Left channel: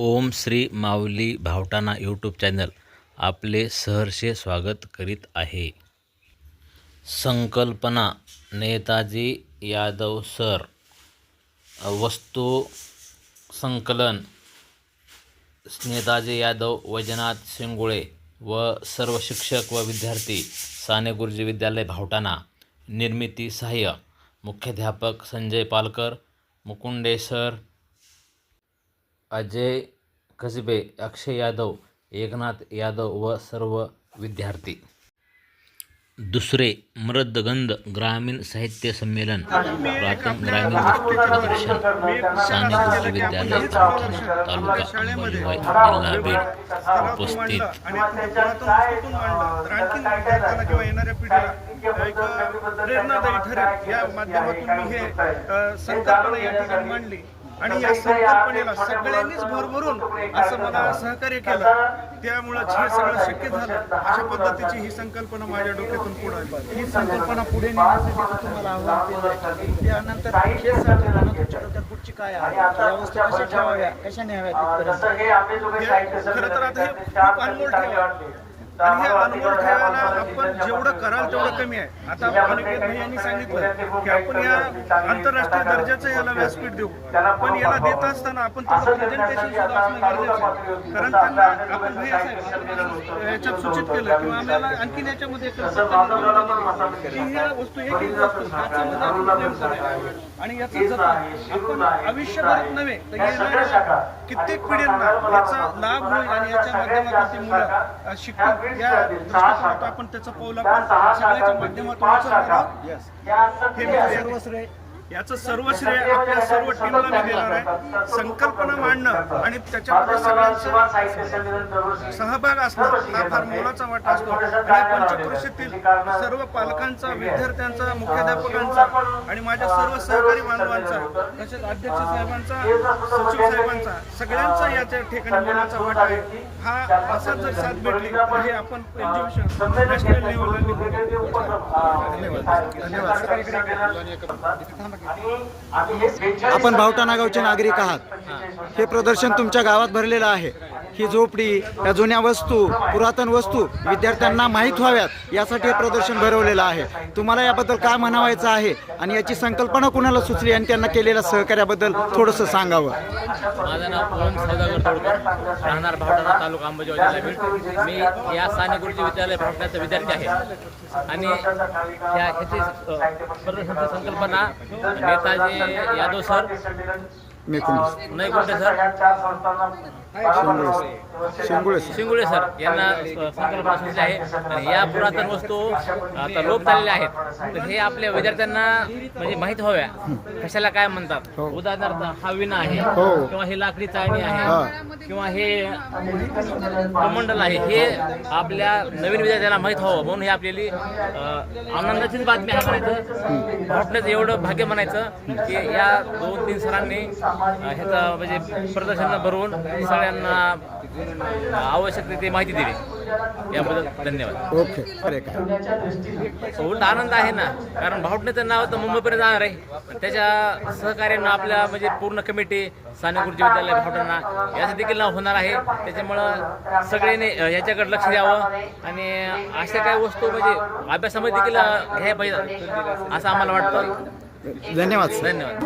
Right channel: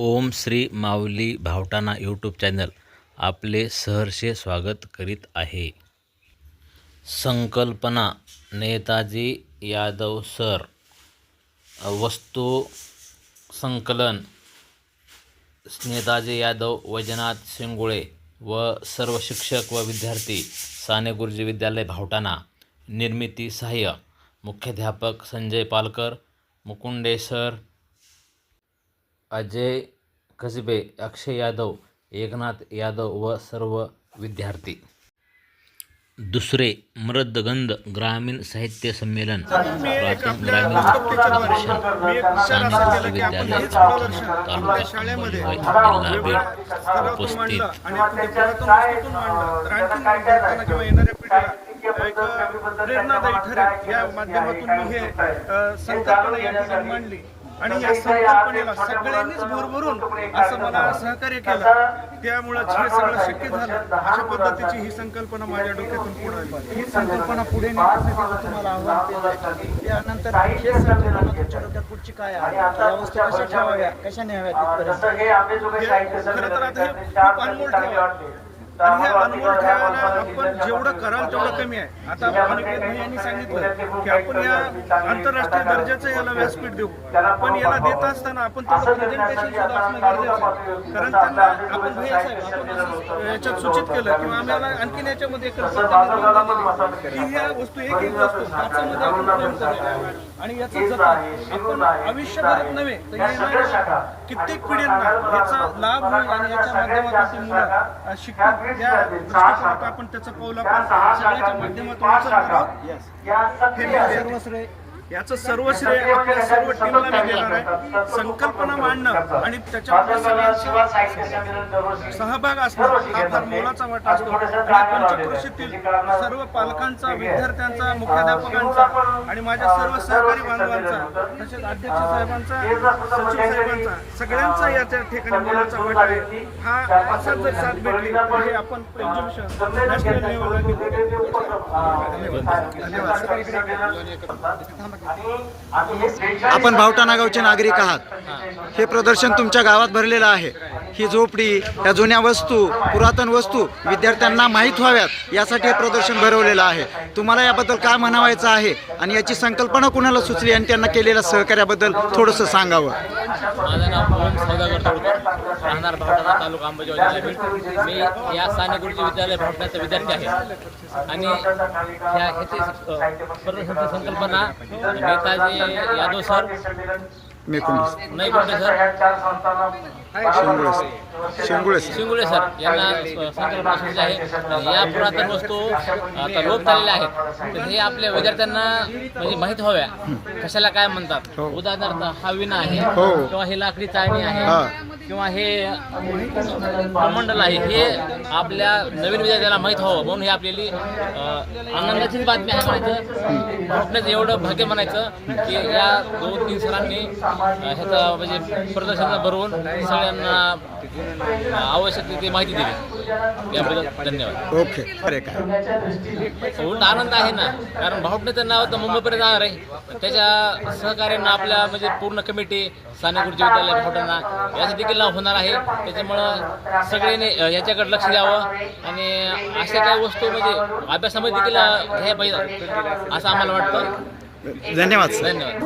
ओम Shri Mauli भावटाना YouTube channel आपले सहर्षे स्वागत करीत आहे. संकल्पना नेताजी यादव सर वस्तू संकलन नेताजी यादव वैजनाथ शिंगुळे व सर्व शिक्षक व विद्यार्थी साने गुरुजी विद्यालय भावटाणा निर्मिती सहाय्य मुख्याध्यापक संजय पालकर मुकुंडे सर अजय कसबे अक्षय यादव एकनाथ यादव व सर्व विद्यार्थी. दुसरे मृदगंध ग्रामीण साहित्य संमेलन पुरातन ग्रामीण वस्तू प्रदर्शन साने कृषी विद्यालय तालुका अंबाजोगाई जिल्हा बीड उपस्थित. प्रेरणादायी ठरेल या माध्यमातून मी हे संकल्पना या ठिकाणी मांडली आणि या संकल्पनेला सगळ्यांनीच भरभरून असं मला सहकार्य केलं. त्यामुळं हे सगळं शक्य झालं. अशा पद्धतीची ही संकल्पना माझ्या डोक्यातून पुढे. ही संकल्पना पुढे नेण्यासाठी तुम्हाला आव्हान केलं. त्यानंतर हे संकल्पना तुमच्या डोक्यात पुढची काय आहे? या वस्तू कशा ठेवाव्या? कशा न्याव्या तिथपर्यंत खरं तर आता हे खूप अनमोल ठेवा. आणि हे अनमोल ठेवायला आपण जेवढं कराल तेवढं कमी आहे. आता अनिकेत यांनी सांगितलं की आपण या आंतरराष्ट्रीय दर्जाचं याला व्यासपीठ देऊ. पण याला देत असताना आपण त्याचं प्रेझेंटेशन सुद्धा असणं गरजेचं आहे. कारण त्यांना आपण भैया साहेब याच्यात सूचित केलं किंवा आम्हाला आणखीन याच्यामध्ये की ह्या वस्तू एक एक वस्तू काचामध्ये आपण आणि याचं जतन आपण आयुष्यभरात नव्हे तर येणाऱ्या कित्येक पिढ्यांना याचा लाभ होईल आणि याच्या माध्यमातून ती मुलं शिकतील या आपण त्याचं पाऊल आपण सगळ्याच्या माध्यमातून उचलणार आहोत. हे मी सर्व श्रेय याचं सर्व श्रेय आपल्या सर्व टीमला मी देणार आहे. संकल्पना मांडणं आणि त्याच्यामध्ये सगळ्यांचा सहभाग असणं हा फार मोलाचा वाटा असतो. आणि पंचक्रोशीतील सर्व पालकांचा विद्यार्थ्यांचा मुख्याध्यापकांचा आणि माझ्या सर्व सहकारी बांधवांचा तसेच अध्यक्ष साहेबांचा सचिव साहेबांचा सगळ्यांचा याच्या ठिकाणी मोलाचा वाटा आहे. हा असा जर साथ भेटली तर हे आपण एक्झिबिशन नॅशनल लेवलला आपण भावटाणा गावचे नागरिक आहात. हे प्रदर्शन तुमच्या गावात भरलेलं आहे. ही झोपडी या जुन्या वस्तू पुरातन वस्तू विद्यार्थ्यांना माहीत व्हाव्यात यासाठी हे प्रदर्शन भरवलेलं आहे. तुम्हाला याबद्दल काय म्हणावायचं आहे? आणि याची संकल्पना कुणाला सुचली आणि त्यांना केलेल्या सहकार्याबद्दल थोडंसं सांगावं. माझं नाव ओम सौदागर तोडकर राहणार भावटाणा तालुका अंबाजोगाई जिल्हा बीड. मी या साने गुरुजी विद्यालय भावटण्याचा विद्यार्थी आहे. आणि ह्या ह्याची अ, प्रदर्शनाची संकल्पना नेताजी यादव सर मी कोण नाही कोणते सर? शिंगुळे शिंगुळे शिंगुळे सर. यांना स- संकल्पना सुचली आहे. या पुरातन वस्तू आता लोप झालेल्या आहेत. तर हे आपल्या विद्यार्थ्यांना म्हणजे माहीत व्हाव्या. कशाला काय म्हणतात? हो. उदाहरणार्थ हा विना आहे हो. किंवा ही लाकडी चाळणी हा. आहे किंवा हे कमंडल आहे हे आपल्या नवीन विद्यार्थ्यांना माहीत व्हावं म्हणून हे आपल्याली आनंदाचीच बातमी आहे म्हणायचं. भावटण्याचं एवढं भाग्य म्हणायचं की या दोन तीन सरांनी ह्याचं म्हणजे प्रदर्शन भरवून सगळ्यांना आवश्यक ती माहिती दिली. याबद्दल धन्यवाद. ओके अरे काय उलट आनंद आहे ना कारण भावटण्याचं नाव तर मुंबईपर्यंत जाणार आहे. त्याच्या सहकार्यानं आपल्या म्हणजे पूर्ण कमिटी साने गुरुजी विद्यालय भावटांना याचं देखील नाव होणार आहे. त्याच्यामुळं सगळ्यांनी याच्याकडे लक्ष द्यावं आणि अशा काही वस्तू म्हणजे अभ्यासामध्ये देखील घ्यायला पाहिजे असं आम्हाला वाटतं. धन्यवाद धन्यवाद.